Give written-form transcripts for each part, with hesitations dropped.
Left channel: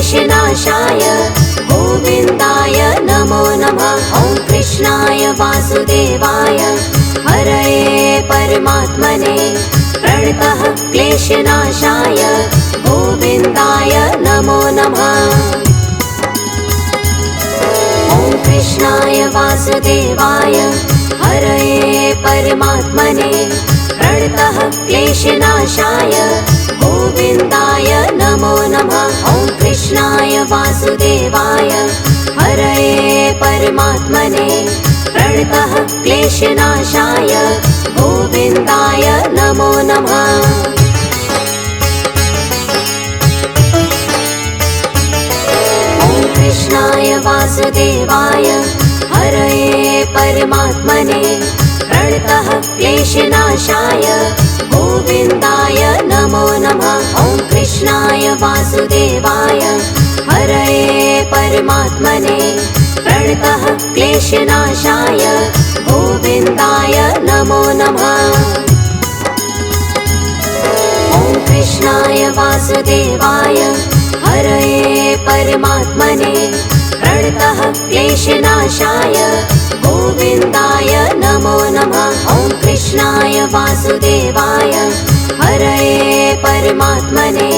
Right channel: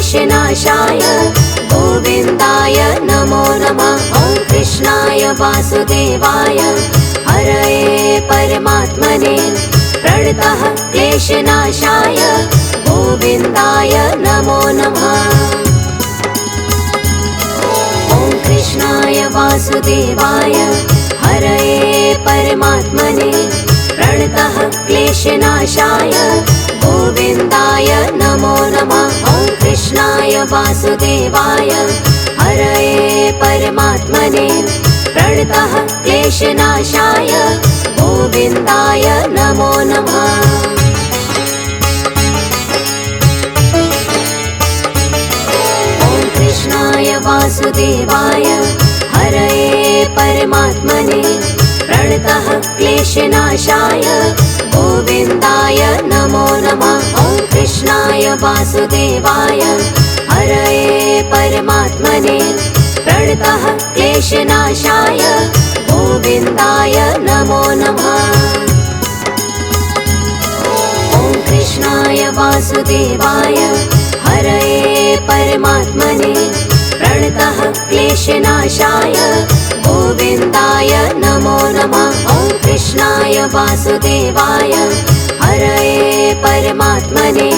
क्लेशनाशाय गोविन्दाय नमो नमः। ॐ कृष्णाय वासुदेवाय हरये परमात्मने प्रणतः क्लेशनाशाय गोविन्दाय नमो नमः। ॐ कृष्णाय वासुदेवाय हरये परमात्मने प्रणतः क्लेशनाशाय गोविन्दाय नमो नमः। ॐ कृष्णाय वासुदेवाय हरये परमात्मने प्रणतः क्लेशनाशाय गोविन्दाय नमो नमः। ॐ कृष्णाय वासुदेवाय हरये परमात्मने प्रणतः क्लेशनाशाय गोविन्दाय नमो नमः। ॐ कृष्णाय वासुदेवाय हरये परमात्मने प्रणतः क्लेशनाशाय गोविन्दाय नमो नमः। ॐ कृष्णाय वासुदेवाय हरये परमात्मने प्रणतः क्लेशनाशाय गोविन्दाय नमो नमः। ॐ कृष्णाय वासुदेवाय हरये परमात्मने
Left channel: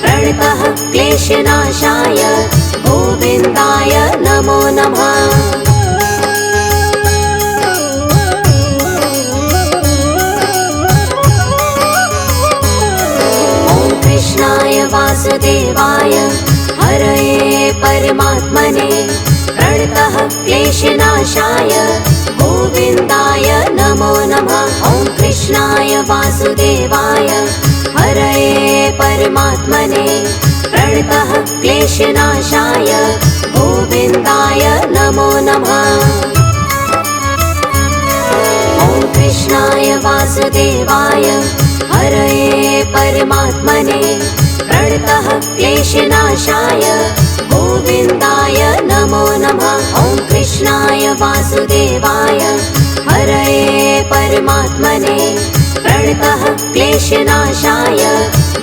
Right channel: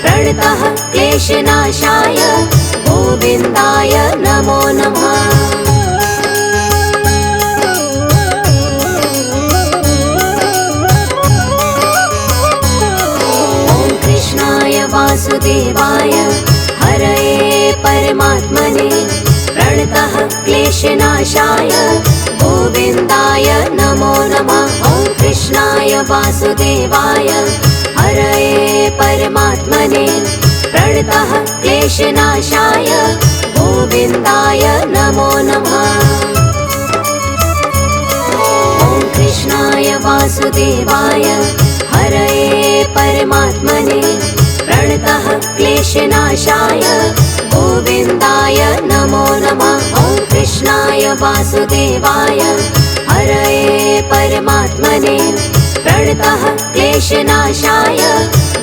प्रणतः क्लेशनाशाय गोविन्दाय नमो नमः। ॐ कृष्णाय वासुदेवाय हरये परमात्मने प्रणतः क्लेशनाशाय गोविन्दाय नमो नमः। ॐ कृष्णाय वासुदेवाय हरये परमात्मने प्रणतः क्लेशनाशाय गोविन्दाय नमो नमः। ॐ कृष्णाय वासुदेवाय हरये परमात्मने प्रणतः क्लेशनाशाय गोविन्दाय नमो नमः। ॐ कृष्णाय वासुदेवाय हरये परमात्मने प्रणतः क्लेशनाशाय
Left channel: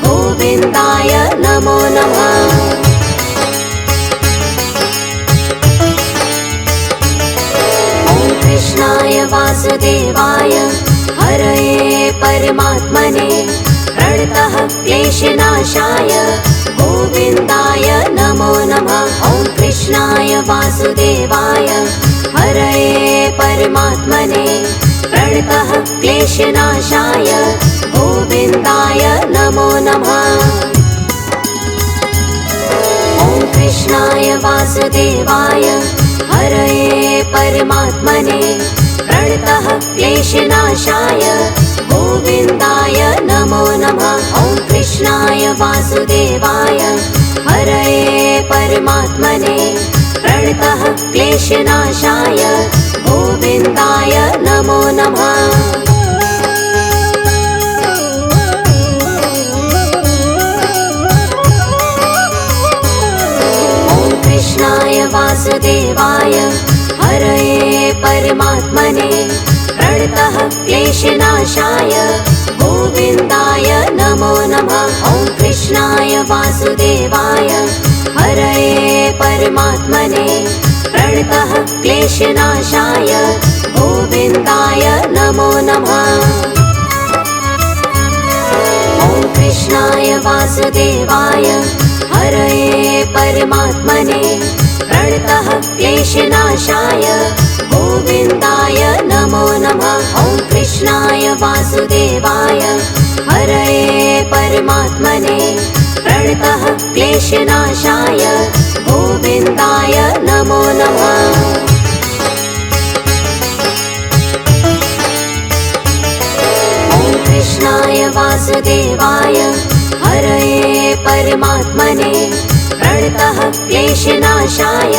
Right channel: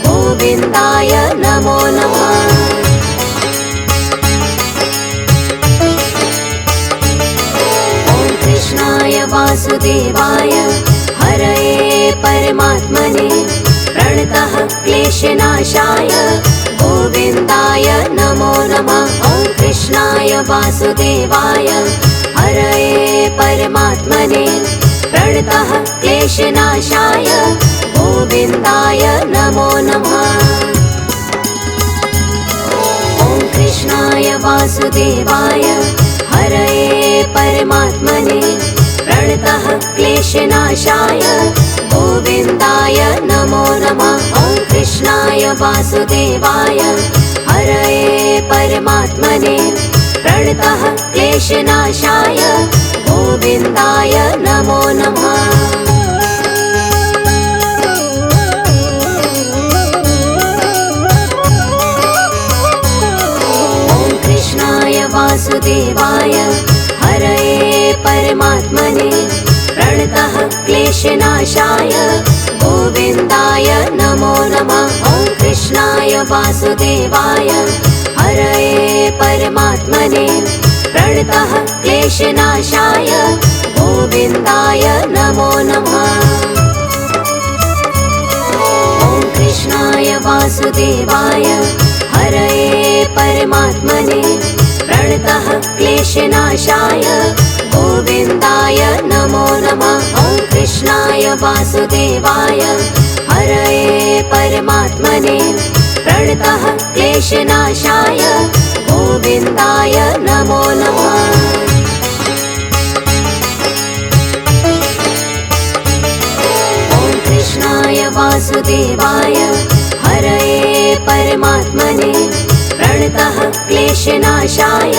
गोविन्दाय नमो नमः। ॐ कृष्णाय वासुदेवाय हरये परमात्मने प्रणतः क्लेशनाशाय गोविन्दाय नमो नमः। ॐ कृष्णाय वासुदेवाय हरये परमात्मने प्रणतः क्लेशनाशाय गोविन्दाय नमो नमः। ॐ कृष्णाय वासुदेवाय हरये परमात्मने प्रणतः क्लेशनाशाय गोविन्दाय नमो नमः। ॐ कृष्णाय वासुदेवाय हरये परमात्मने प्रणतः क्लेशनाशाय गोविन्दाय नमो नमः। ॐ कृष्णाय वासुदेवाय हरये परमात्मने प्रणतः क्लेशनाशाय गोविन्दाय नमो नमः। ॐ कृष्णाय वासुदेवाय हरये परमात्मने प्रणतः क्लेशनाशाय गोविन्दाय नमो नमः। ॐ कृष्णाय वासुदेवाय हरये परमात्मने प्रणतः क्लेशनाशाय गोविन्दाय नमो नमः। ॐ कृष्णाय वासुदेवाय हरये परमात्मने प्रणतः क्लेशनाशाय गोविन्दाय नमो नमः। ॐ कृष्णाय वासुदेवाय हरये परमात्मने प्रणतः क्लेशनाशाय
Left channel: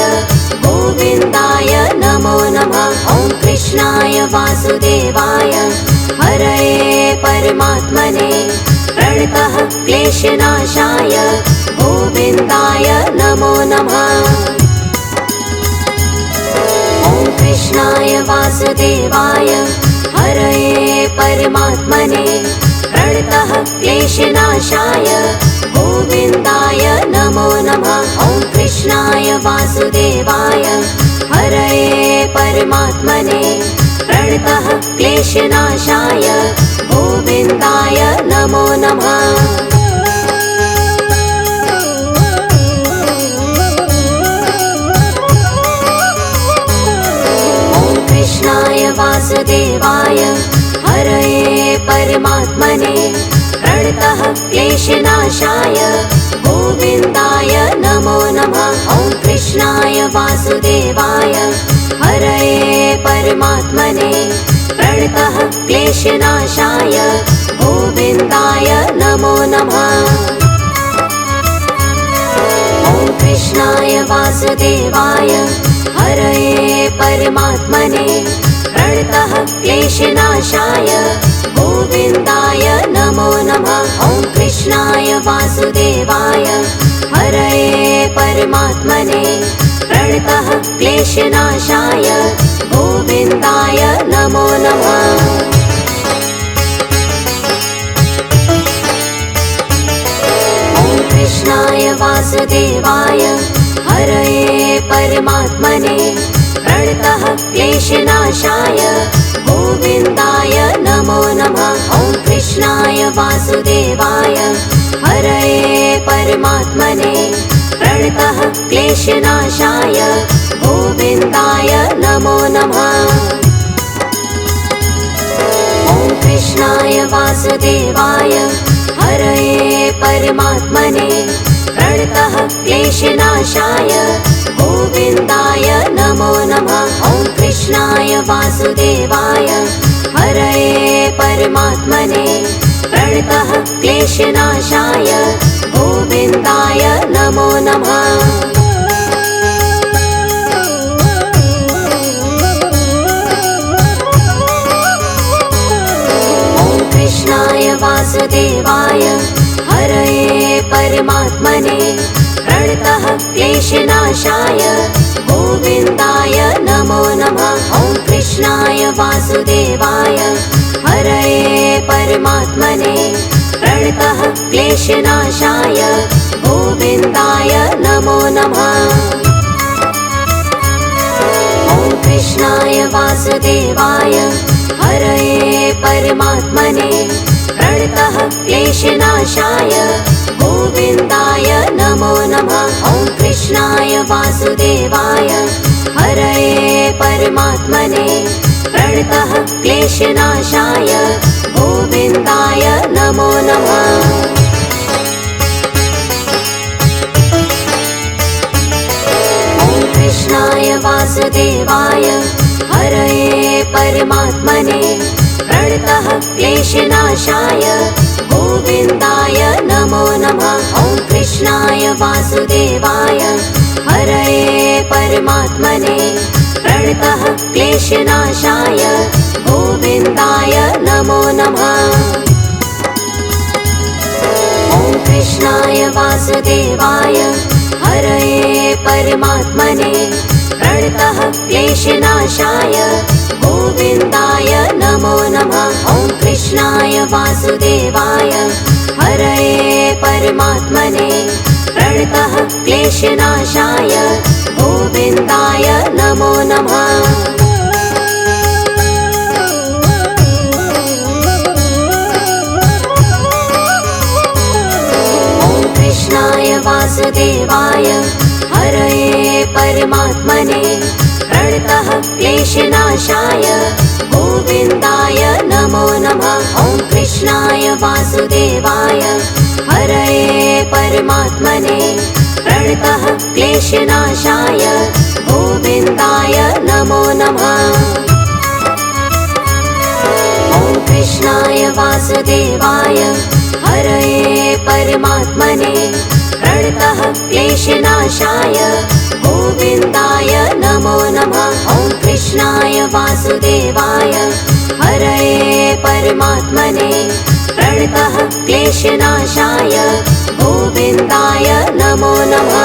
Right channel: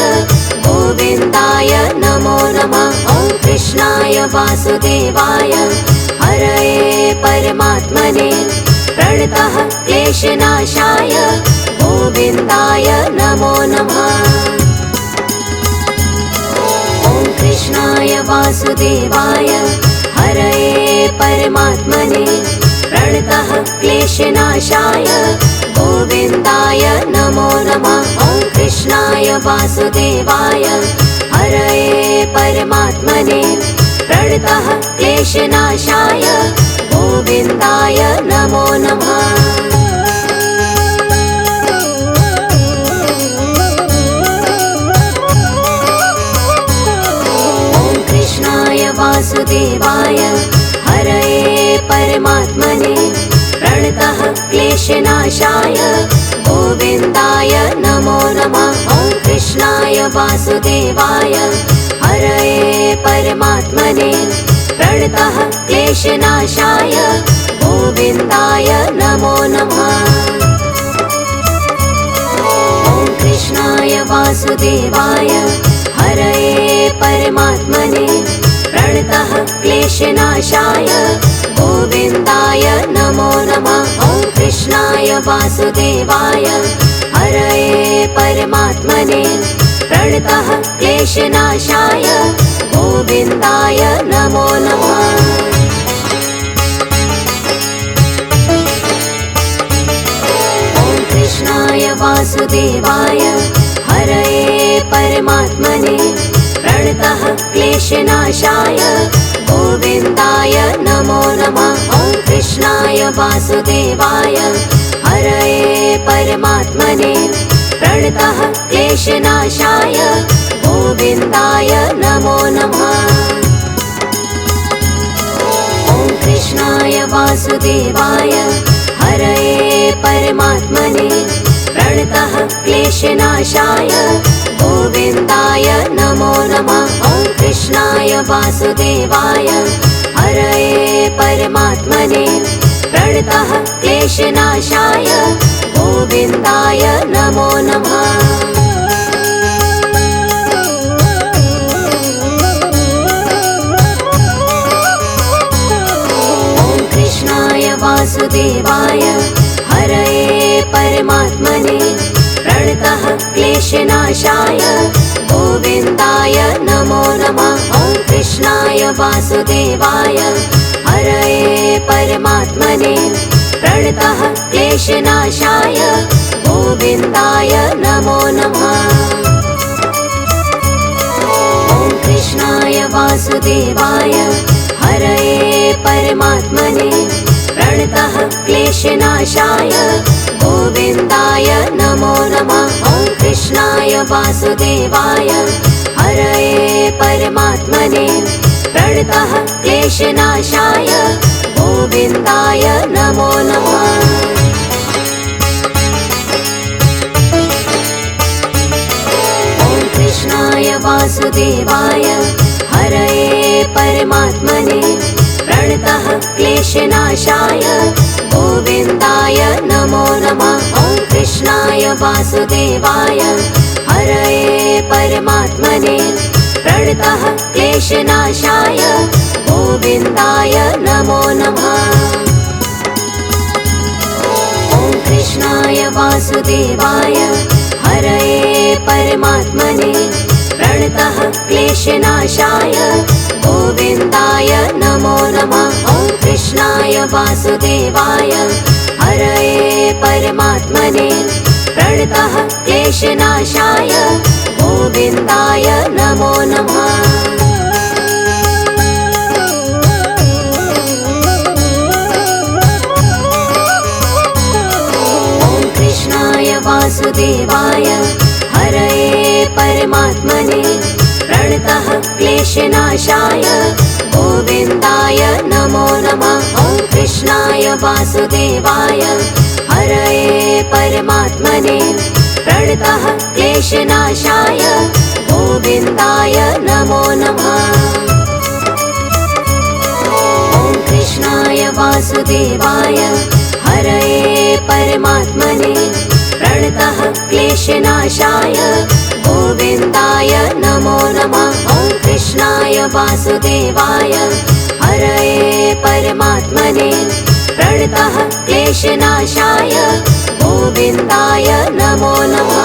गोविन्दाय नमो नमः। ॐ कृष्णाय वासुदेवाय हरये परमात्मने प्रणतः क्लेशनाशाय गोविन्दाय नमो नमः। ॐ कृष्णाय वासुदेवाय हरये परमात्मने प्रणतः क्लेशनाशाय गोविन्दाय नमो नमः। वासुदेवाय हरये परमात्मने प्रणतः क्लेशनाशाय गोविन्दाय नमो नमः। वासुदेवाय हरये परमात्मने प्रणतः क्लेशनाशाय गोविन्दाय नमो नमः। ॐ कृष्णाय वासुदेवाय हरये परमात्मने प्रणतः क्लेशनाशाय गोविन्दाय नमो नमः। ॐ कृष्णाय वासुदेवाय हरये परमात्मने प्रणतः क्लेशनाशाय गोविन्दाय नमो नमः। ॐ कृष्णाय वासुदेवाय हरये परमात्मने प्रणतः क्लेशनाशाय गोविन्दाय नमो नमः। ॐ कृष्णाय वासुदेवाय हरये परमात्मने प्रणतः क्लेशनाशाय गोविन्दाय नमो नमः। ॐ कृष्णाय वासुदेवाय हरये परमात्मने प्रणतः क्लेशनाशाय गोविन्दाय नमो नमः। ॐ कृष्णाय वासुदेवाय हरये परमात्मने प्रणतः क्लेशनाशाय गोविन्दाय नमो नमः। ॐ कृष्णाय वासुदेवाय हरये परमात्मने प्रणतः क्लेशनाशाय गोविन्दाय नमो नमः। ॐ कृष्णाय वासुदेवाय हरये परमात्मने प्रणतः क्लेशनाशाय गोविन्दाय नमो नमः। ॐ कृष्णाय वासुदेवाय हरये परमात्मने प्रणतः क्लेशनाशाय गोविन्दाय नमो नमः। ॐ कृष्णाय वासुदेवाय हरये परमात्मने प्रणतः क्लेशनाशाय गोविन्दाय नमो नमः। ॐ कृष्णाय वासुदेवाय हरये परमात्मने प्रणतः क्लेशनाशाय गोविन्दाय नमो नमः। ॐ कृष्णाय वासुदेवाय हरये परमात्मने प्रणतः क्लेशनाशाय गोविन्दाय नमो नमः। ॐ कृष्णाय वासुदेवाय हरये परमात्मने प्रणतः क्लेशनाशाय गोविन्दाय नमो नमः। ॐ कृष्णाय वासुदेवाय हरये परमात्मने प्रणतः क्लेशनाशाय गोविन्दाय नमो नमः। ॐ कृष्णाय वासुदेवाय हरये परमात्मने प्रणतः क्लेशनाशाय गोविन्दाय नमो नमः। ॐ कृष्णाय वासुदेवाय हरये परमात्मने प्रणतः क्लेशनाशाय गोविन्दाय नमो नमः। ॐ कृष्णाय वासुदेवाय हरये परमात्मने प्रणतः क्लेशनाशाय गोविन्दाय नमो नमः। ॐ कृष्णाय वासुदेवाय हरये परमात्मने प्रणतः क्लेशनाशाय गोविन्दाय नमो नमः। ॐ कृष्णाय वासुदेवाय हरये परमात्मने प्रणतः क्लेशनाशाय गोविन्दाय नमो नमः।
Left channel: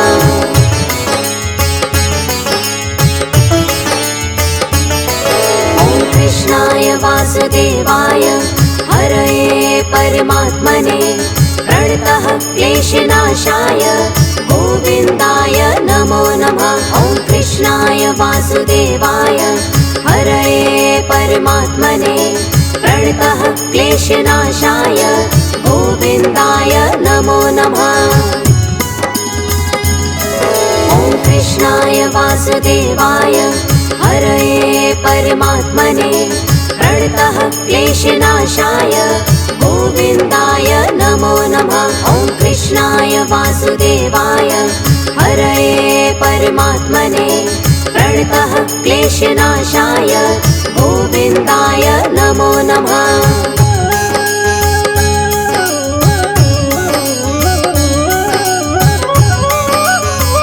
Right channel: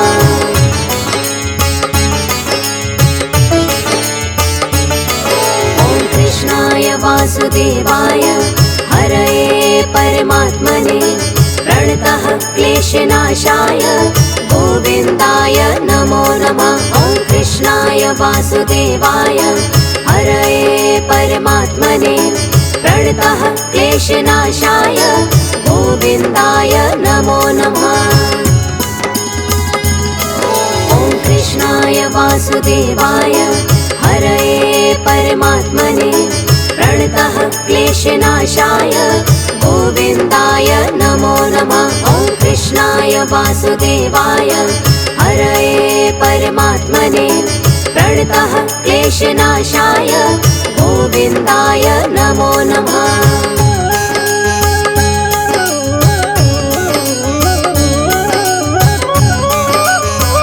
ॐ कृष्णाय वासुदेवाय हरये परमात्मने प्रणतः क्लेशनाशाय गोविन्दाय नमो नमः। ॐ वासुदेवाय हरये परमात्मने प्रणतः क्लेशनाशाय गोविन्दाय नमो नमः। ॐ कृष्णाय वासुदेवाय हरये परमात्मने प्रणतः क्लेशनाशाय गोविन्दाय नमो नमः। ॐ कृष्णाय वासुदेवाय हरये परमात्मने प्रणतः क्लेशनाशाय गोविन्दाय नमो नमः।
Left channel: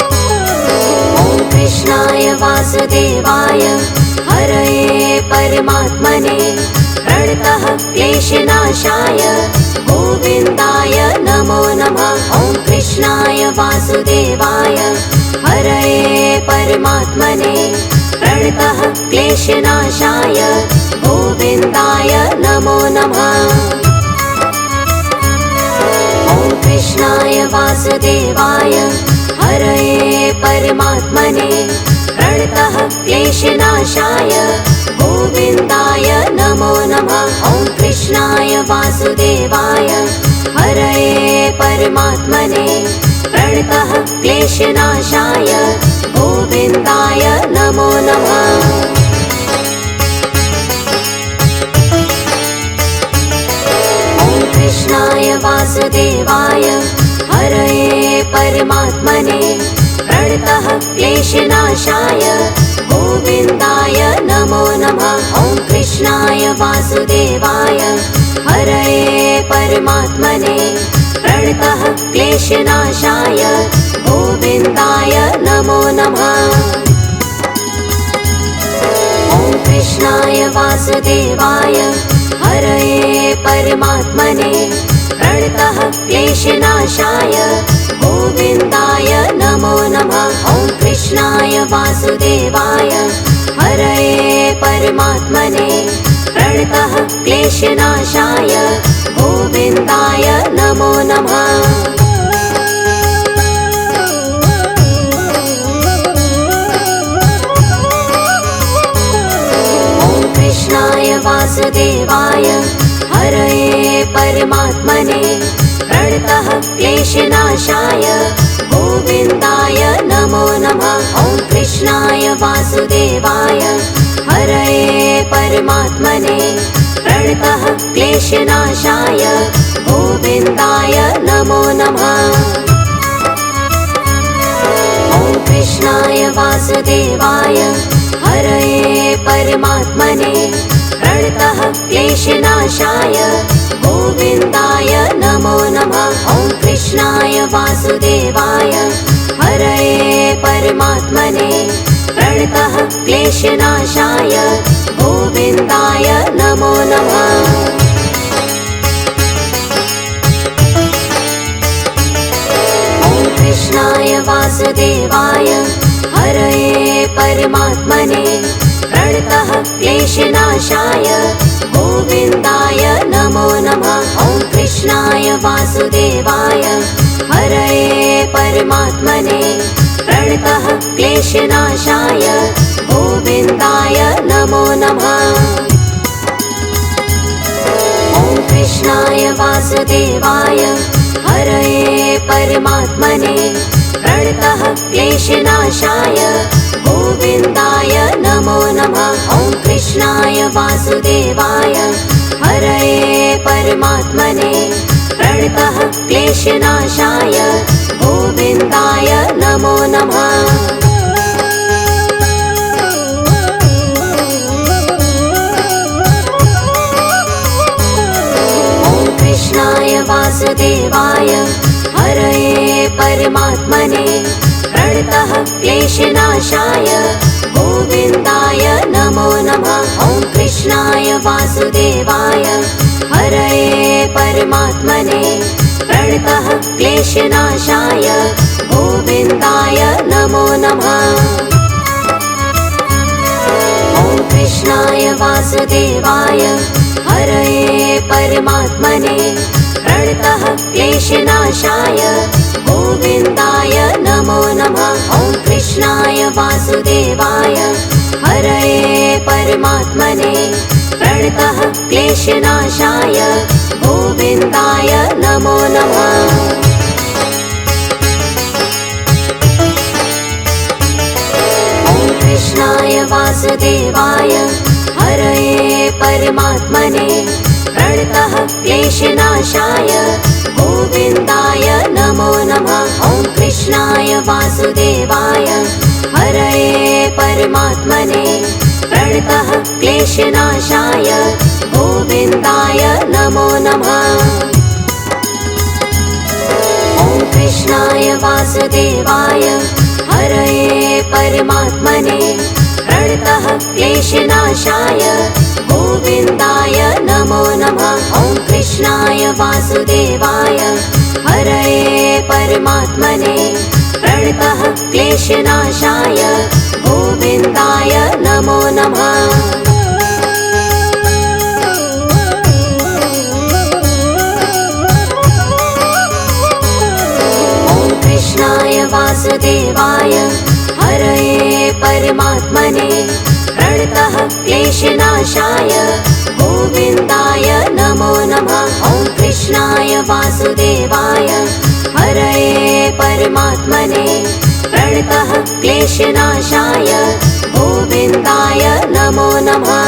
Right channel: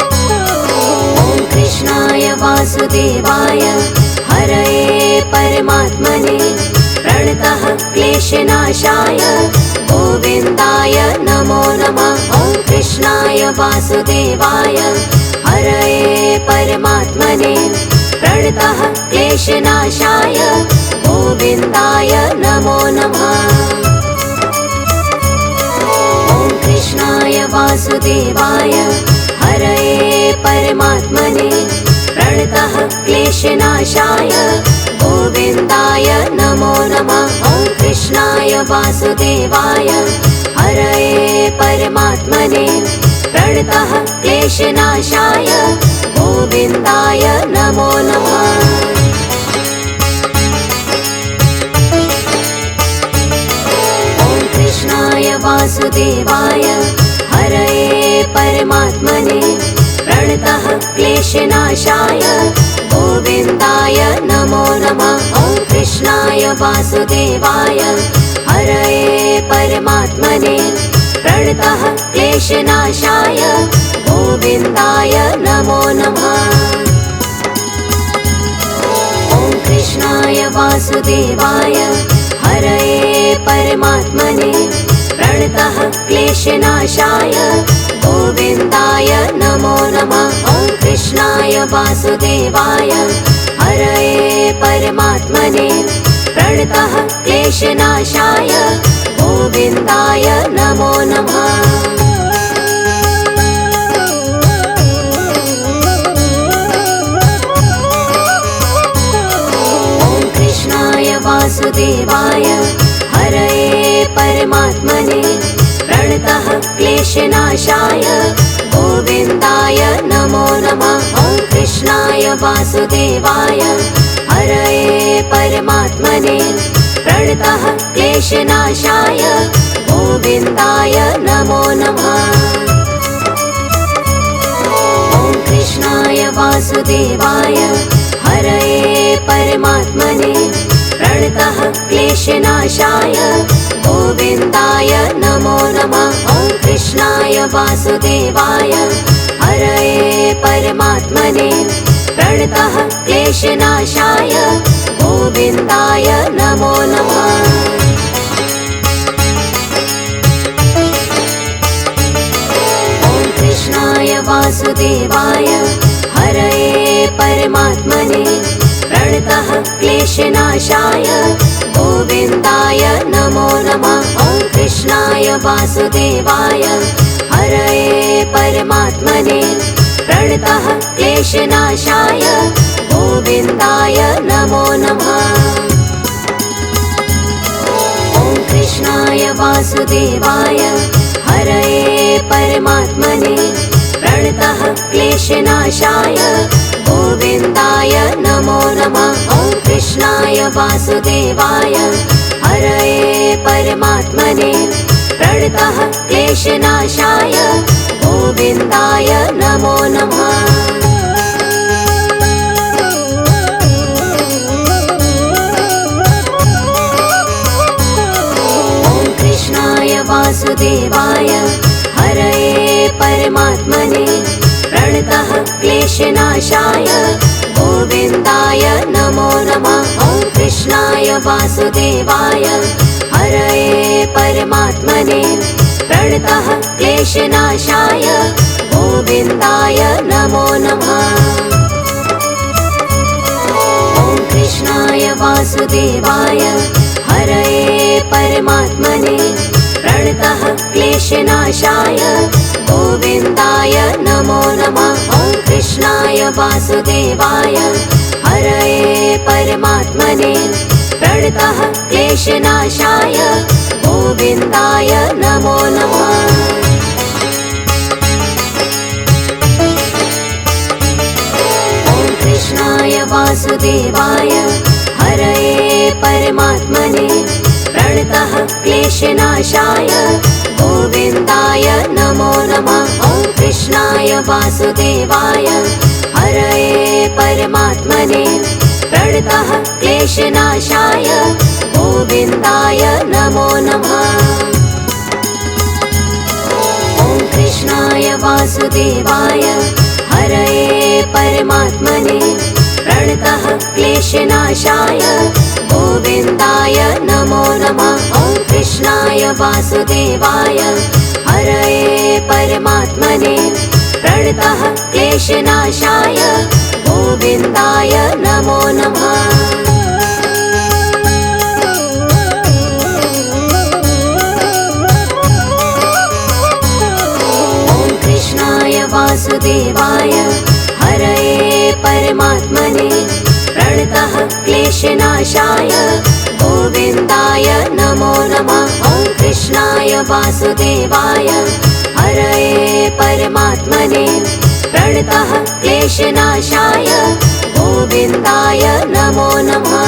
ॐ कृष्णाय वासुदेवाय हरये परमात्मने प्रणतः क्लेशनाशाय गोविन्दाय नमो नमः। ॐ कृष्णाय वासुदेवाय हरये परमात्मने प्रणतः क्लेशनाशाय गोविन्दाय नमो नमः। ॐ कृष्णाय वासुदेवाय हरये परमात्मने प्रणतः क्लेशनाशाय गोविन्दाय नमो नमः। ॐ कृष्णाय वासुदेवाय हरये परमात्मने प्रणतः क्लेशनाशाय गोविन्दाय नमो नमः। ॐ कृष्णाय वासुदेवाय हरये परमात्मने प्रणतः क्लेशनाशाय गोविन्दाय नमो नमः। ॐ कृष्णाय वासुदेवाय हरये परमात्मने प्रणतः क्लेशनाशाय गोविन्दाय नमो नमः। ॐ कृष्णाय वासुदेवाय हरये परमात्मने प्रणतः क्लेशनाशाय गोविन्दाय नमो नमः। ॐ कृष्णाय वासुदेवाय हरये परमात्मने प्रणतः क्लेशनाशाय गोविन्दाय नमो नमः। ॐ कृष्णाय वासुदेवाय हरये परमात्मने प्रणतः क्लेशनाशाय गोविन्दाय नमो नमः। ॐ कृष्णाय वासुदेवाय हरये परमात्मने प्रणतः क्लेशनाशाय गोविन्दाय नमो नमः। ॐ कृष्णाय वासुदेवाय हरये परमात्मने प्रणतः क्लेशनाशाय गोविन्दाय नमो नमः। ॐ कृष्णाय वासुदेवाय हरये परमात्मने प्रणतः क्लेशनाशाय गोविन्दाय नमो नमः। ॐ कृष्णाय वासुदेवाय हरये परमात्मने प्रणतः क्लेशनाशाय गोविन्दाय नमो नमः। ॐ कृष्णाय वासुदेवाय हरये परमात्मने प्रणतः क्लेशनाशाय गोविन्दाय नमो नमः। ॐ कृष्णाय वासुदेवाय हरये परमात्मने प्रणतः क्लेशनाशाय गोविन्दाय नमो नमः। ॐ कृष्णाय वासुदेवाय हरये परमात्मने प्रणतः क्लेशनाशाय गोविन्दाय नमो नमः। ॐ कृष्णाय वासुदेवाय हरये परमात्मने प्रणतः क्लेशनाशाय गोविन्दाय नमो नमः। ॐ कृष्णाय वासुदेवाय हरये परमात्मने प्रणतः क्लेशनाशाय गोविन्दाय नमो नमः। ॐ कृष्णाय वासुदेवाय हरये परमात्मने प्रणतः क्लेशनाशाय गोविन्दाय नमो नमः। ॐ कृष्णाय वासुदेवाय वासुदेवाय हरये परमात्मने प्रणतः क्लेशनाशाय गोविन्दाय नमो नमः। कृष्णाय वासुदेवाय हरये परमात्मने प्रणतः क्लेशनाशाय गोविन्दाय नमो नमः। ॐ कृष्णाय वासुदेवाय हरये परमात्मने प्रणतः क्लेशनाशाय गोविन्दाय नमो नमः। ॐ कृष्णाय वासुदेवाय हरये परमात्मने प्रणतः क्लेशनाशाय गोविन्दाय नमो नमः। ॐ कृष्णाय वासुदेवाय हरये परमात्मने प्रणतः क्लेशनाशाय गोविन्दाय नमो नमः। वासुदेवाय हरये परमात्मने प्रणतः क्लेशनाशाय गोविन्दाय नमो नमः। ॐ कृष्णाय वासुदेवाय हरये परमात्मने प्रणतः क्लेशनाशाय गोविन्दाय नमो नमः।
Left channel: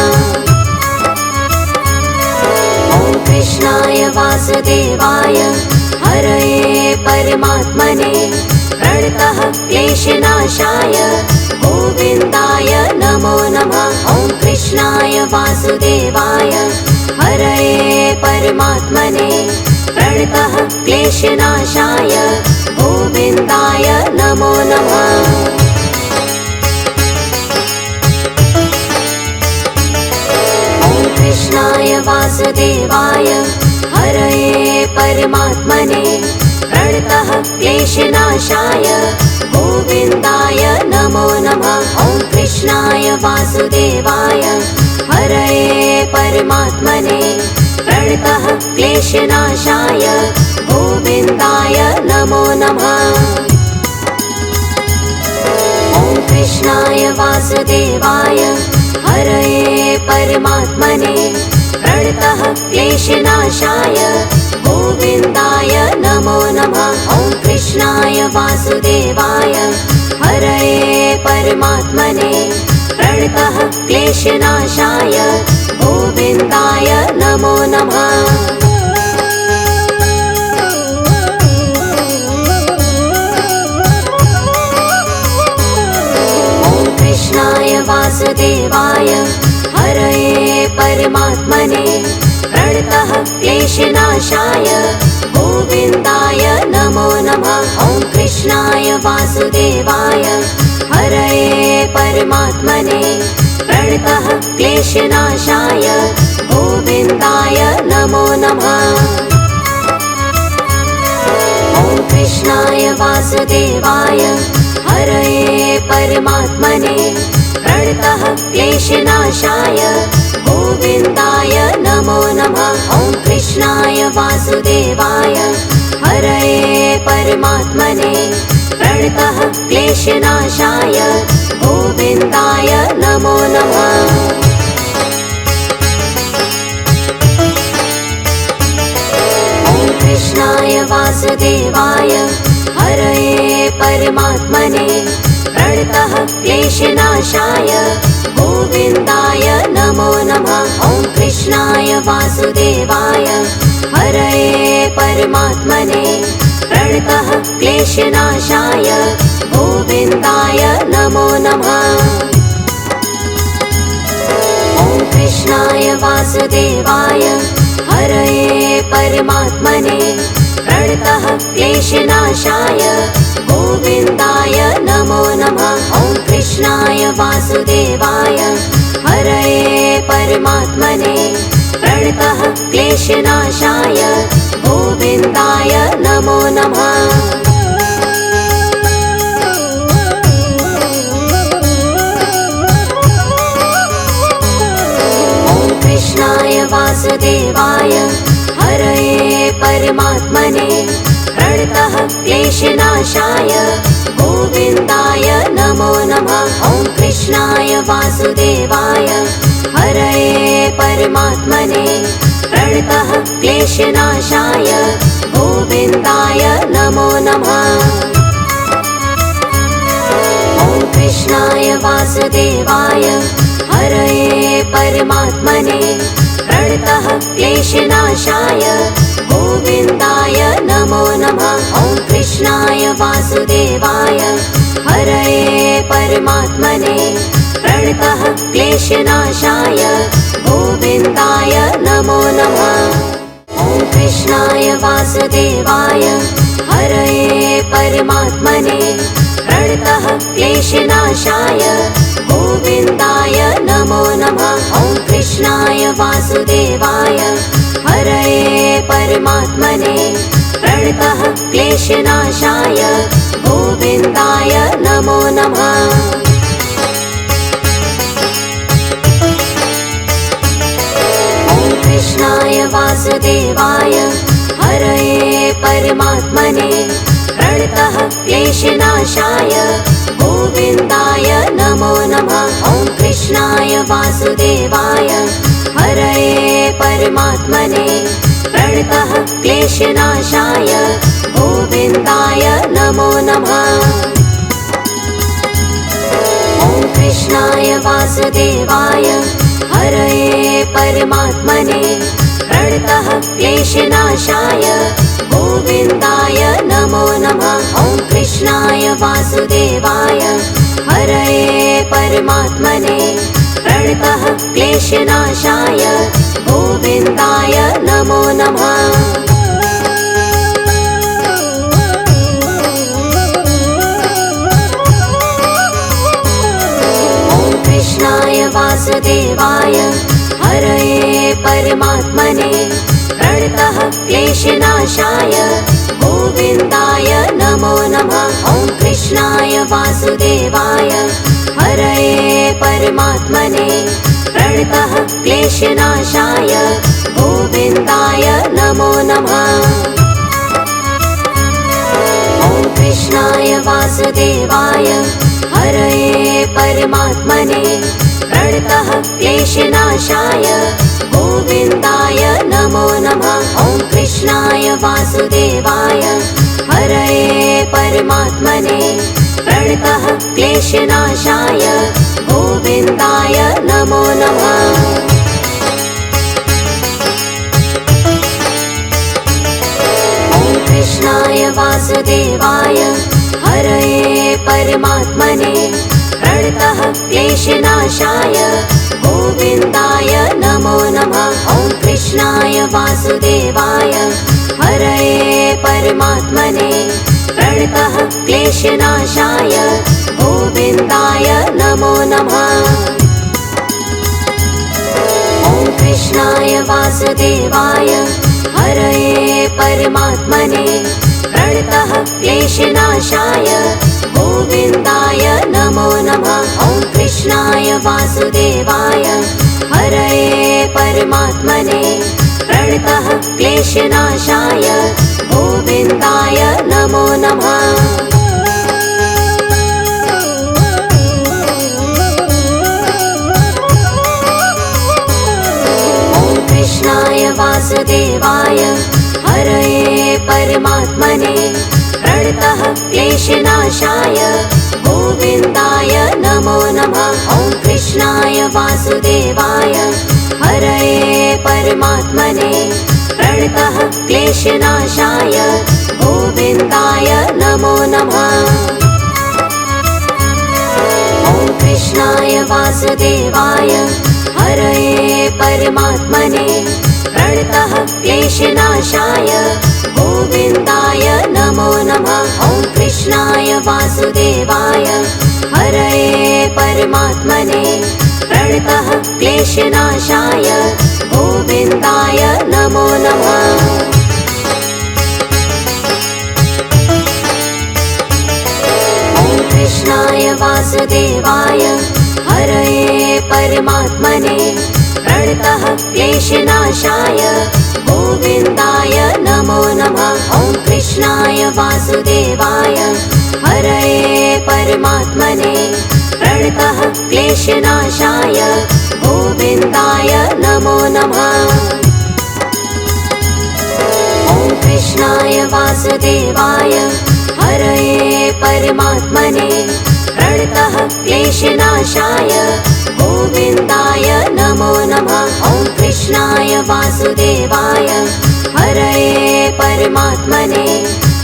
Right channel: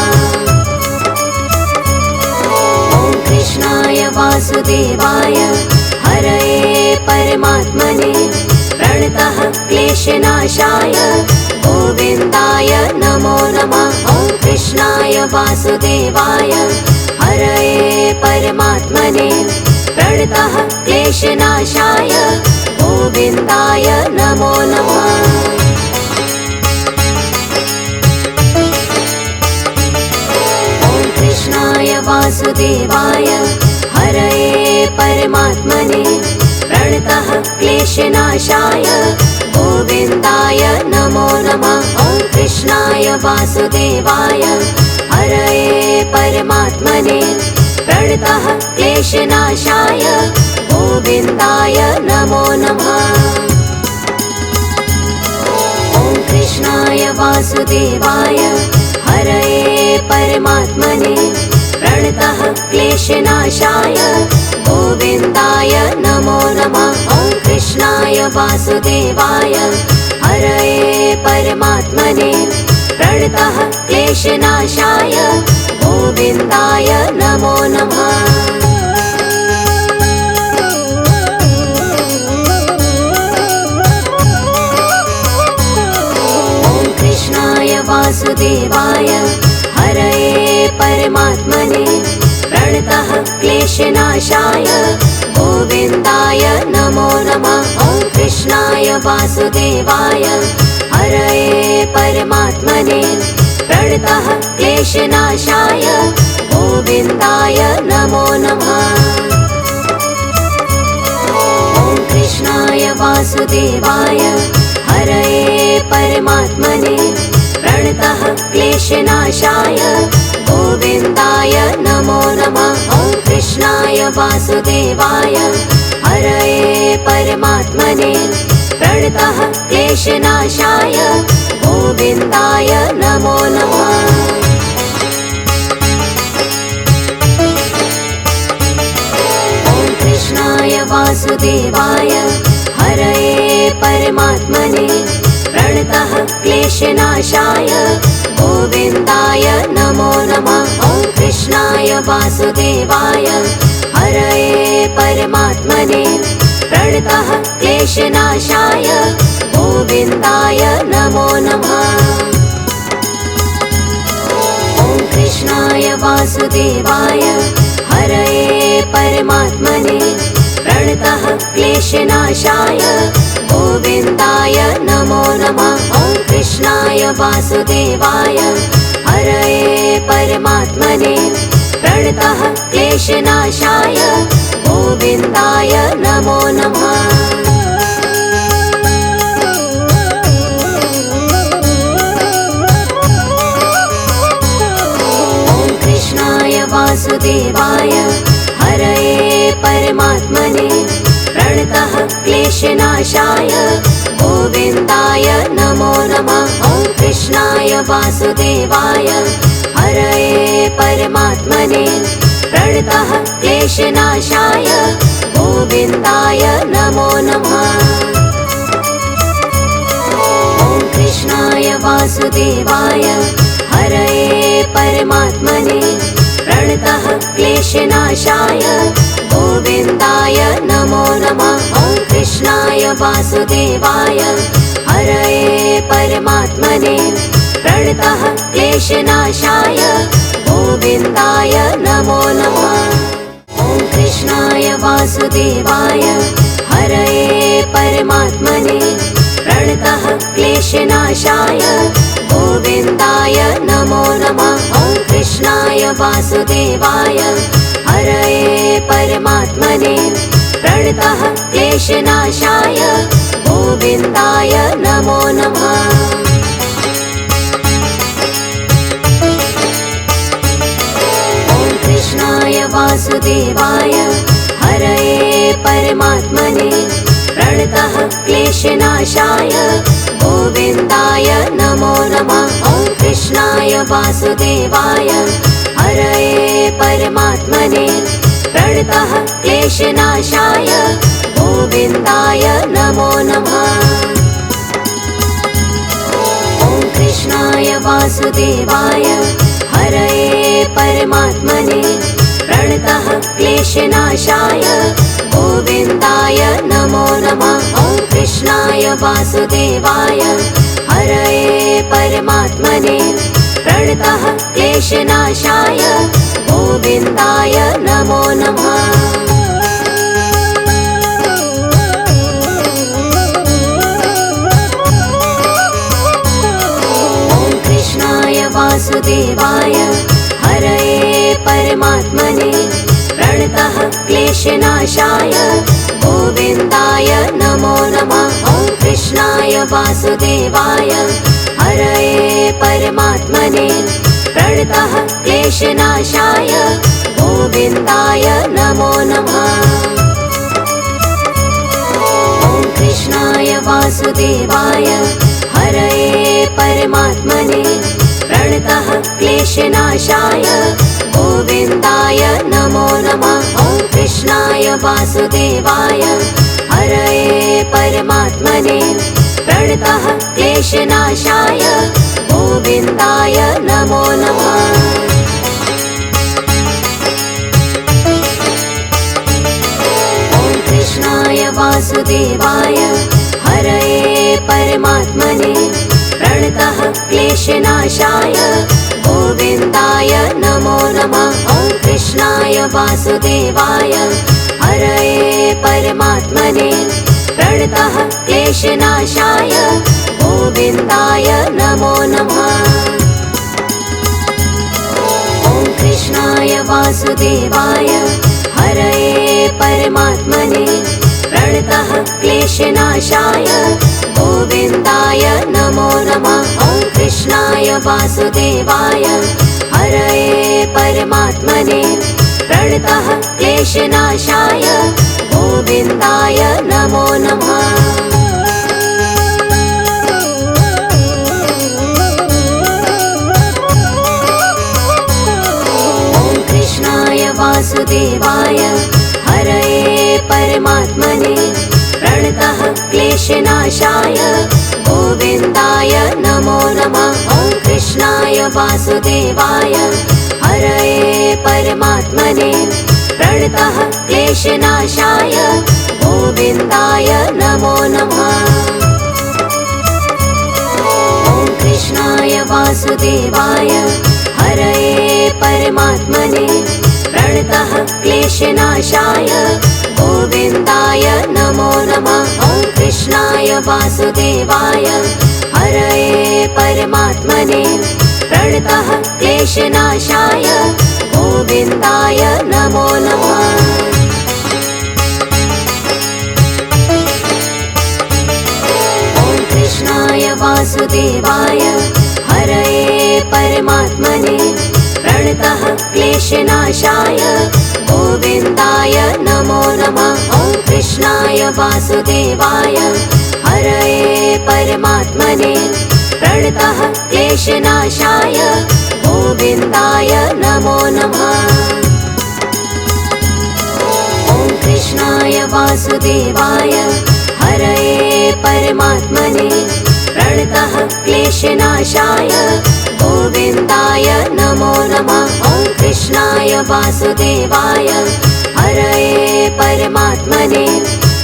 ॐ कृष्णाय वासुदेवाय हरये परमात्मने प्रणतः क्लेशनाशाय गोविन्दाय नमो नमः। ॐ कृष्णाय वासुदेवाय हरये परमात्मने प्रणतः क्लेशनाशाय गोविन्दाय नमो नमः। ॐ कृष्णाय वासुदेवाय हरये परमात्मने प्रणतः क्लेशनाशाय गोविन्दाय नमो नमः। ॐ कृष्णाय वासुदेवाय हरये परमात्मने प्रणतः क्लेशनाशाय गोविन्दाय नमो नमः। ॐ कृष्णाय वासुदेवाय हरये परमात्मने प्रणतः क्लेशनाशाय गोविन्दाय नमो नमः। ॐ कृष्णाय वासुदेवाय हरये परमात्मने प्रणतः क्लेशनाशाय गोविन्दाय नमो नमः। ॐ कृष्णाय वासुदेवाय हरये परमात्मने प्रणतः क्लेशनाशाय गोविन्दाय नमो नमः। ॐ कृष्णाय वासुदेवाय हरये परमात्मने प्रणतः क्लेशनाशाय गोविन्दाय नमो नमः। ॐ कृष्णाय वासुदेवाय हरये परमात्मने प्रणतः क्लेशनाशाय गोविन्दाय नमो नमः। ॐ कृष्णाय वासुदेवाय हरये परमात्मने प्रणतः क्लेशनाशाय गोविन्दाय नमो नमः। ॐ कृष्णाय वासुदेवाय हरये परमात्मने प्रणतः क्लेशनाशाय गोविन्दाय नमो नमः। ॐ कृष्णाय वासुदेवाय हरये परमात्मने प्रणतः क्लेशनाशाय गोविन्दाय नमो नमः। ॐ कृष्णाय वासुदेवाय हरये परमात्मने प्रणतः क्लेशनाशाय गोविन्दाय नमो नमः। ॐ कृष्णाय वासुदेवाय हरये परमात्मने प्रणतः क्लेशनाशाय गोविन्दाय नमो नमः। ॐ कृष्णाय वासुदेवाय हरये परमात्मने प्रणतः क्लेशनाशाय गोविन्दाय नमो नमः। कृष्णाय वासुदेवाय हरये परमात्मने प्रणतः क्लेशनाशाय गोविन्दाय नमो नमः। ॐ कृष्णाय वासुदेवाय हरये परमात्मने प्रणतः क्लेशनाशाय गोविन्दाय नमो नमः। ॐ कृष्णाय वासुदेवाय हरये परमात्मने प्रणतः क्लेशनाशाय गोविन्दाय नमो नमः। ॐ कृष्णाय वासुदेवाय हरये परमात्मने प्रणतः क्लेशनाशाय गोविन्दाय नमो नमः। ॐ कृष्णाय वासुदेवाय हरये परमात्मने प्रणतः क्लेशनाशाय गोविन्दाय नमो नमः। ॐ कृष्णाय वासुदेवाय हरये परमात्मने प्रणतः क्लेशनाशाय गोविन्दाय नमो नमः। ॐ कृष्णाय वासुदेवाय हरये परमात्मने प्रणतः क्लेशनाशाय गोविन्दाय नमो नमः। ॐ कृष्णाय वासुदेवाय हरये परमात्मने प्रणतः क्लेशनाशाय गोविन्दाय नमो नमः। ॐ कृष्णाय वासुदेवाय हरये परमात्मने प्रणतः क्लेशनाशाय गोविन्दाय नमो नमः। ॐ कृष्णाय वासुदेवाय हरये परमात्मने प्रणतः क्लेशनाशाय गोविन्दाय नमो नमः। ॐ कृष्णाय वासुदेवाय हरये परमात्मने प्रणतः क्लेशनाशाय गोविन्दाय नमो नमः। ॐ कृष्णाय वासुदेवाय हरये परमात्मने प्रणतः क्लेशनाशाय गोविन्दाय नमो नमः। ॐ कृष्णाय वासुदेवाय हरये परमात्मने प्रणतः क्लेशनाशाय गोविन्दाय नमो नमः। ॐ कृष्णाय वासुदेवाय हरये परमात्मने प्रणतः क्लेशनाशाय गोविन्दाय नमो नमः। ॐ कृष्णाय वासुदेवाय हरये परमात्मने प्रणतः क्लेशनाशाय गोविन्दाय नमो नमः। ॐ कृष्णाय वासुदेवाय हरये परमात्मने प्रणतः क्लेशनाशाय गोविन्दाय नमो नमः। ॐ कृष्णाय वासुदेवाय हरये परमात्मने प्रणतः क्लेशनाशाय गोविन्दाय नमो नमः। ॐ कृष्णाय वासुदेवाय हरये परमात्मने प्रणतः क्लेशनाशाय गोविन्दाय नमो नमः। ॐ कृष्णाय वासुदेवाय हरये परमात्मने प्रणतः क्लेशनाशाय गोविन्दाय नमो नमः। ॐ कृष्णाय वासुदेवाय हरये परमात्मने प्रणतः क्लेशनाशाय गोविन्दाय नमो नमः। ॐ कृष्णाय वासुदेवाय हरये परमात्मने प्रणतः क्लेशनाशाय गोविन्दाय नमो नमः। ॐ कृष्णाय वासुदेवाय हरये परमात्मने प्रणतः क्लेशनाशाय गोविन्दाय नमो नमः। ॐ कृष्णाय वासुदेवाय हरये परमात्मने प्रणतः प्रणतः क्लेशनाशाय गोविन्दाय नमो नमः। ॐ कृष्णाय वासुदेवाय हरये परमात्मने प्रणतः क्लेशनाशाय गोविन्दाय नमो नमः। ॐ कृष्णाय वासुदेवाय हरये परमात्मने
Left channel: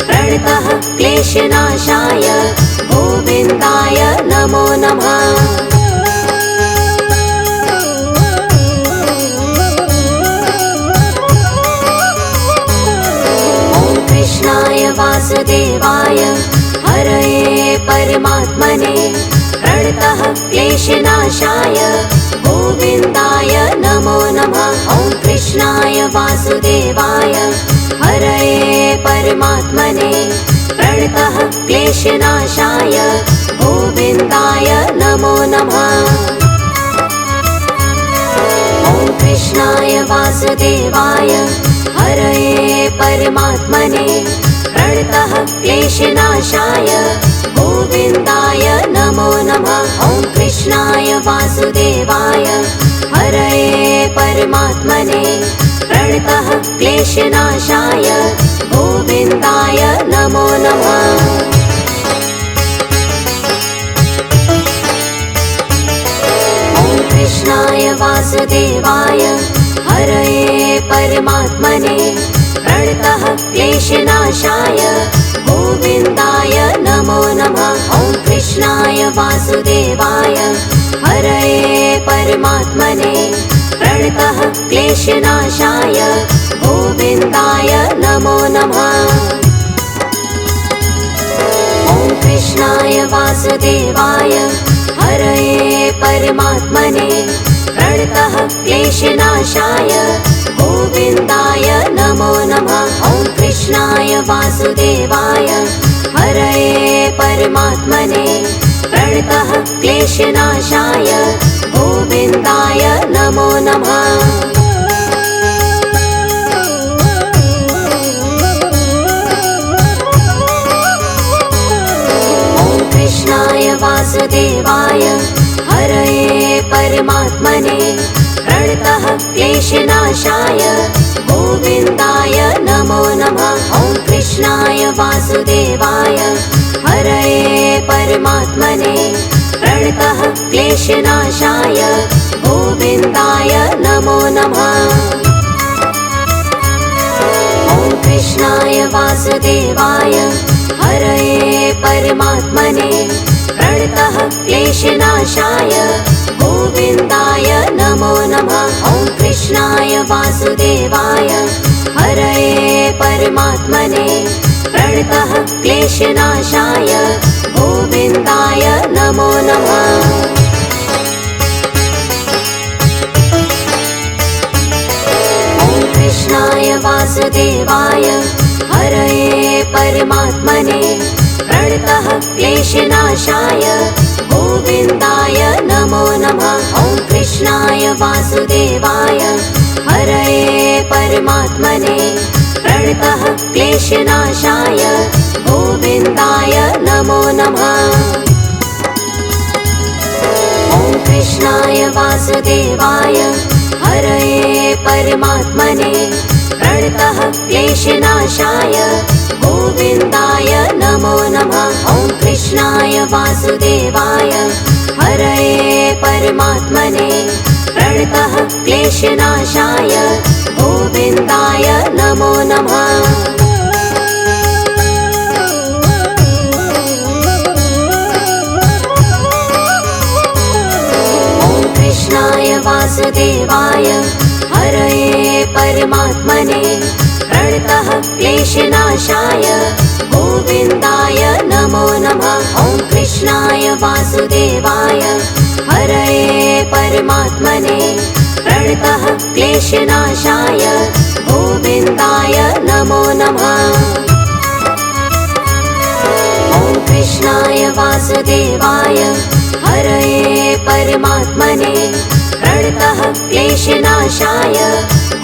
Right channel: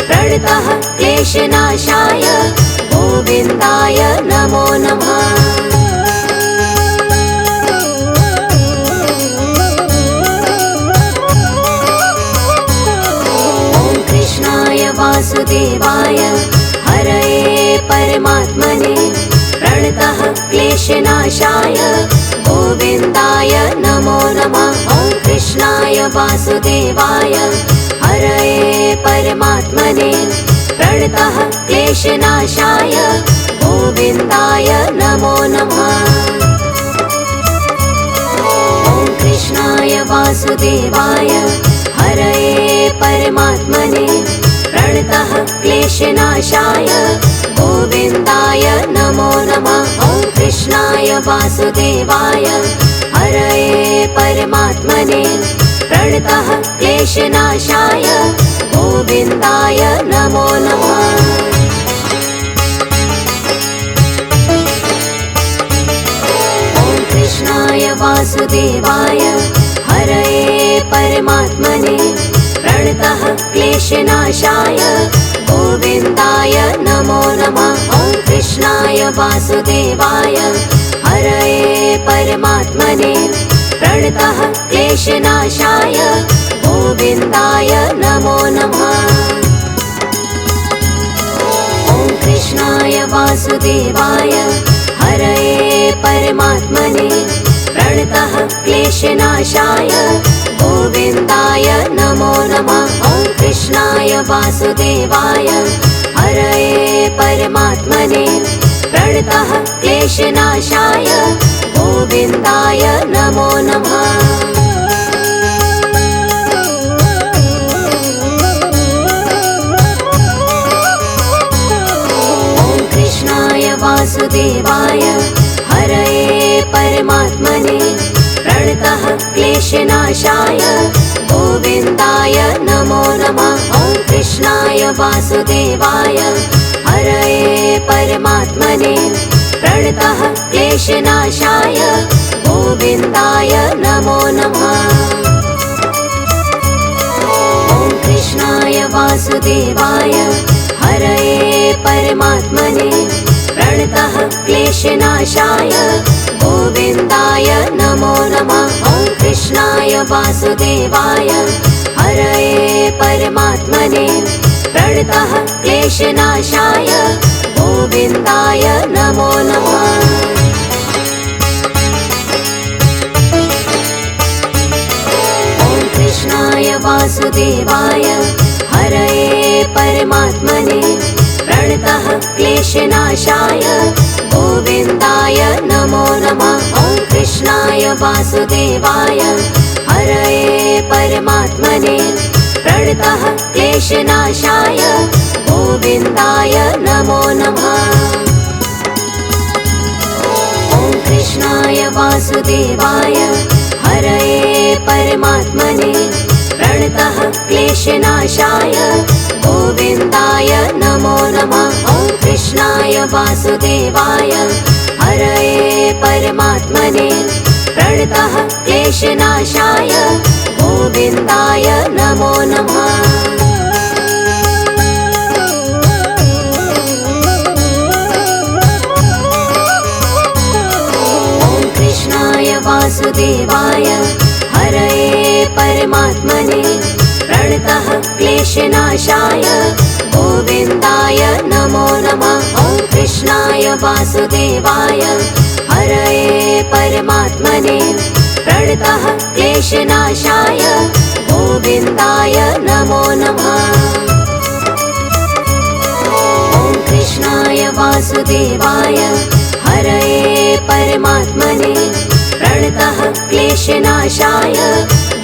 प्रणतः क्लेशनाशाय गोविन्दाय नमो नमः। ॐ कृष्णाय वासुदेवाय हरये परमात्मने प्रणतः क्लेशनाशाय गोविन्दाय नमो नमः। ॐ कृष्णाय वासुदेवाय हरये परमात्मने प्रणतः क्लेशनाशाय गोविन्दाय नमो नमः। ॐ कृष्णाय वासुदेवाय हरये परमात्मने प्रणतः क्लेशनाशाय गोविन्दाय नमो नमः। ॐ कृष्णाय वासुदेवाय हरये परमात्मने प्रणतः क्लेशनाशाय गोविन्दाय नमो नमः। ॐ कृष्णाय वासुदेवाय हरये परमात्मने प्रणतः क्लेशनाशाय गोविन्दाय नमो नमः। ॐ कृष्णाय वासुदेवाय हरये परमात्मने प्रणतः क्लेशनाशाय गोविन्दाय नमो नमः। ॐ कृष्णाय वासुदेवाय हरये परमात्मने प्रणतः क्लेशनाशाय गोविन्दाय नमो नमः। ॐ कृष्णाय वासुदेवाय हरये परमात्मने प्रणतः क्लेशनाशाय गोविन्दाय नमो नमः। ॐ कृष्णाय वासुदेवाय हरये परमात्मने प्रणतः क्लेशनाशाय गोविन्दाय नमो नमः। ॐ कृष्णाय वासुदेवाय हरये परमात्मने प्रणतः क्लेशनाशाय गोविन्दाय नमो नमः। ॐ कृष्णाय वासुदेवाय हरये परमात्मने प्रणतः क्लेशनाशाय गोविन्दाय नमो नमः। ॐ कृष्णाय वासुदेवाय हरये परमात्मने प्रणतः क्लेशनाशाय गोविन्दाय नमो नमः। ॐ कृष्णाय वासुदेवाय हरये परमात्मने प्रणतः क्लेशनाशाय गोविन्दाय नमो नमः। ॐ कृष्णाय वासुदेवाय हरये परमात्मने प्रणतः क्लेशनाशाय गोविन्दाय नमो नमः। ॐ कृष्णाय वासुदेवाय हरये परमात्मने प्रणतः क्लेशनाशाय गोविन्दाय नमो नमः। ॐ कृष्णाय वासुदेवाय हरये परमात्मने प्रणतः क्लेशनाशाय गोविन्दाय नमो नमः। ॐ कृष्णाय वासुदेवाय हरये परमात्मने प्रणतः क्लेशनाशाय गोविन्दाय नमो नमः। ॐ कृष्णाय वासुदेवाय हरये परमात्मने प्रणतः क्लेशनाशाय गोविन्दाय नमो नमः। ॐ कृष्णाय वासुदेवाय हरये परमात्मने प्रणतः क्लेशनाशाय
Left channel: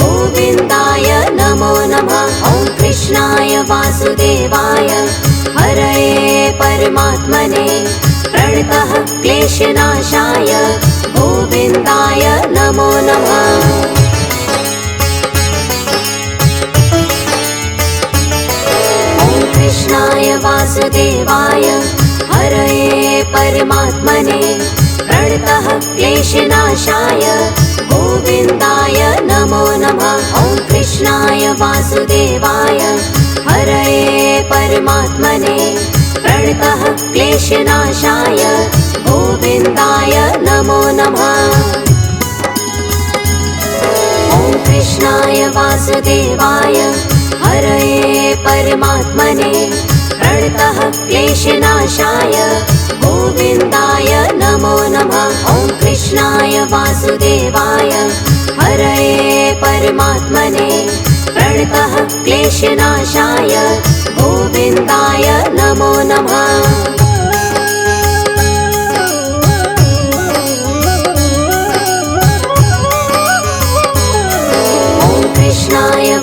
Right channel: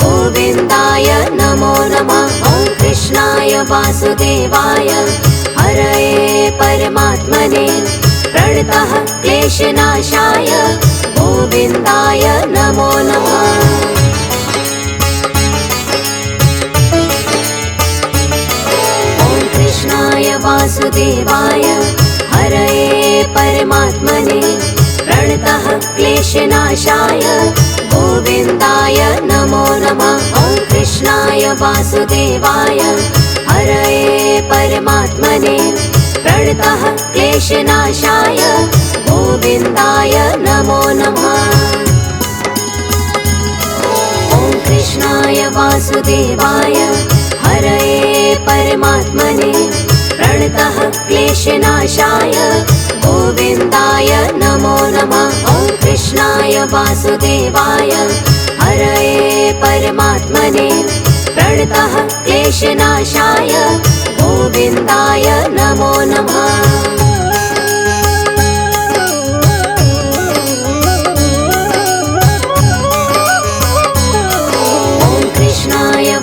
गोविन्दाय नमो नमः। ॐ कृष्णाय वासुदेवाय हरये परमात्मने प्रणतः क्लेशनाशाय गोविन्दाय नमो नमः। कृष्णाय वासुदेवाय हरये परमात्मने प्रणतः क्लेशनाशाय गोविन्दाय नमो नमः। ॐ कृष्णाय वासुदेवाय हरये परमात्मने प्रणतः क्लेशनाशाय गोविन्दाय नमो नमः। ॐ कृष्णाय वासुदेवाय हरये परमात्मने प्रणतः क्लेशनाशाय गोविन्दाय नमो नमः। ॐ कृष्णाय वासुदेवाय हरये परमात्मने प्रणतः क्लेशनाशाय गोविन्दाय नमो नमः।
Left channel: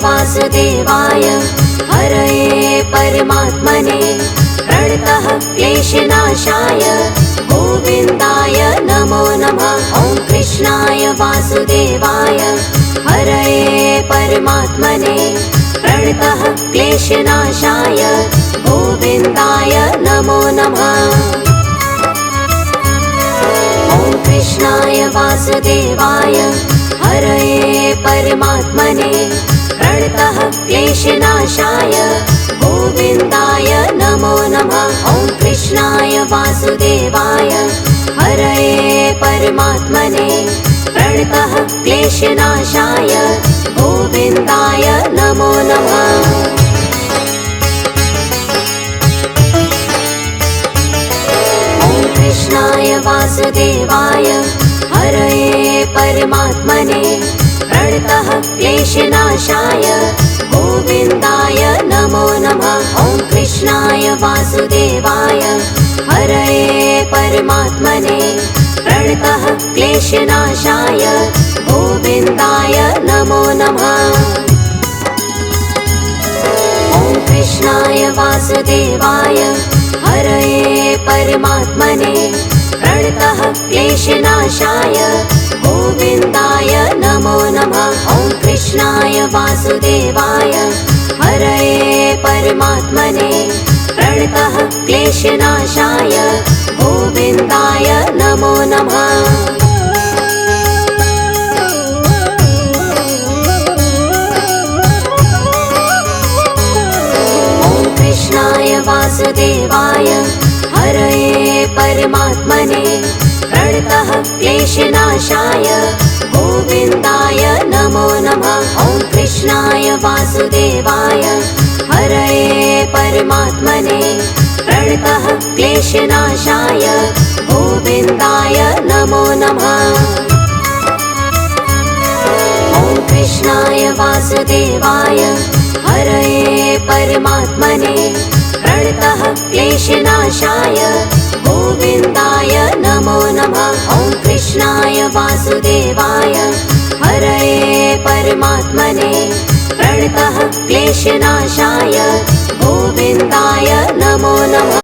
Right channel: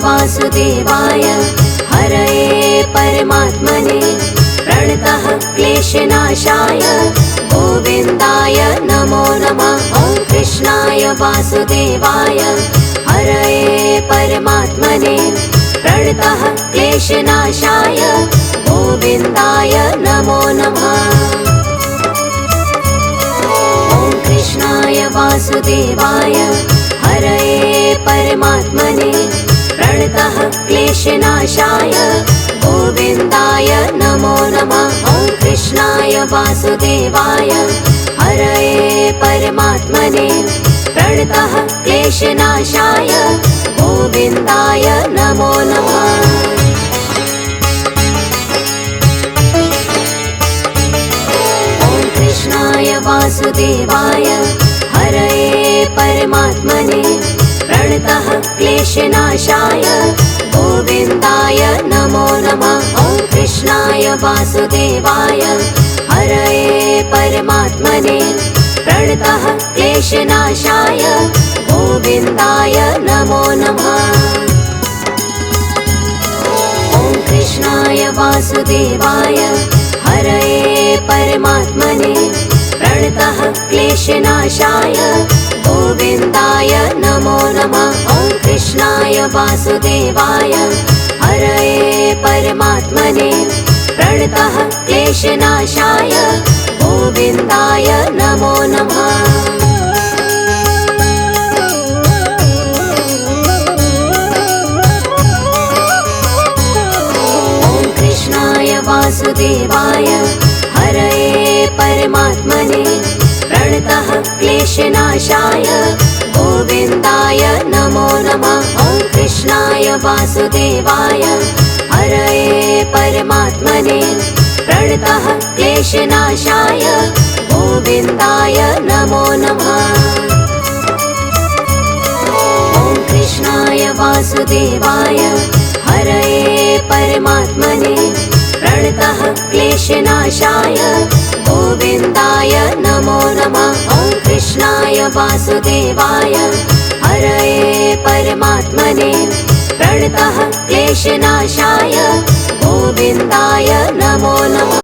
वासुदेवाय हरये परमात्मने प्रणतः क्लेशनाशाय गोविन्दाय नमो नमः। ॐ कृष्णाय वासुदेवाय हरये परमात्मने प्रणतः क्लेशनाशाय गोविन्दाय नमो नमः। ॐ कृष्णाय वासुदेवाय हरये परमात्मने प्रणतः क्लेशनाशाय गोविन्दाय नमो नमः। ॐ कृष्णाय वासुदेवाय हरये परमात्मने प्रणतः क्लेशनाशाय गोविन्दाय नमो नमः। ॐ कृष्णाय वासुदेवाय हरये परमात्मने प्रणतः क्लेशनाशाय गोविन्दाय नमो नमः। ॐ कृष्णाय वासुदेवाय हरये परमात्मने प्रणतः क्लेशनाशाय गोविन्दाय नमो नमः। ॐ कृष्णाय वासुदेवाय हरये परमात्मने प्रणतः क्लेशनाशाय गोविन्दाय नमो नमः। ॐ कृष्णाय वासुदेवाय हरये परमात्मने प्रणतः क्लेशनाशाय गोविन्दाय नमो नमः। ॐ कृष्णाय वासुदेवाय हरये परमात्मने प्रणतः क्लेशनाशाय गोविन्दाय नमो नमः। ॐ कृष्णाय वासुदेवाय हरये परमात्मने प्रणतः क्लेशनाशाय गोविन्दाय नमो नमः। ॐ कृष्णाय वासुदेवाय हरये परमात्मने प्रणतः क्लेशनाशाय गोविन्दाय नमो नमः। ॐ कृष्णाय वासुदेवाय हरये परमात्मने प्रणतः क्लेशनाशाय गोविन्दाय नमो नमः।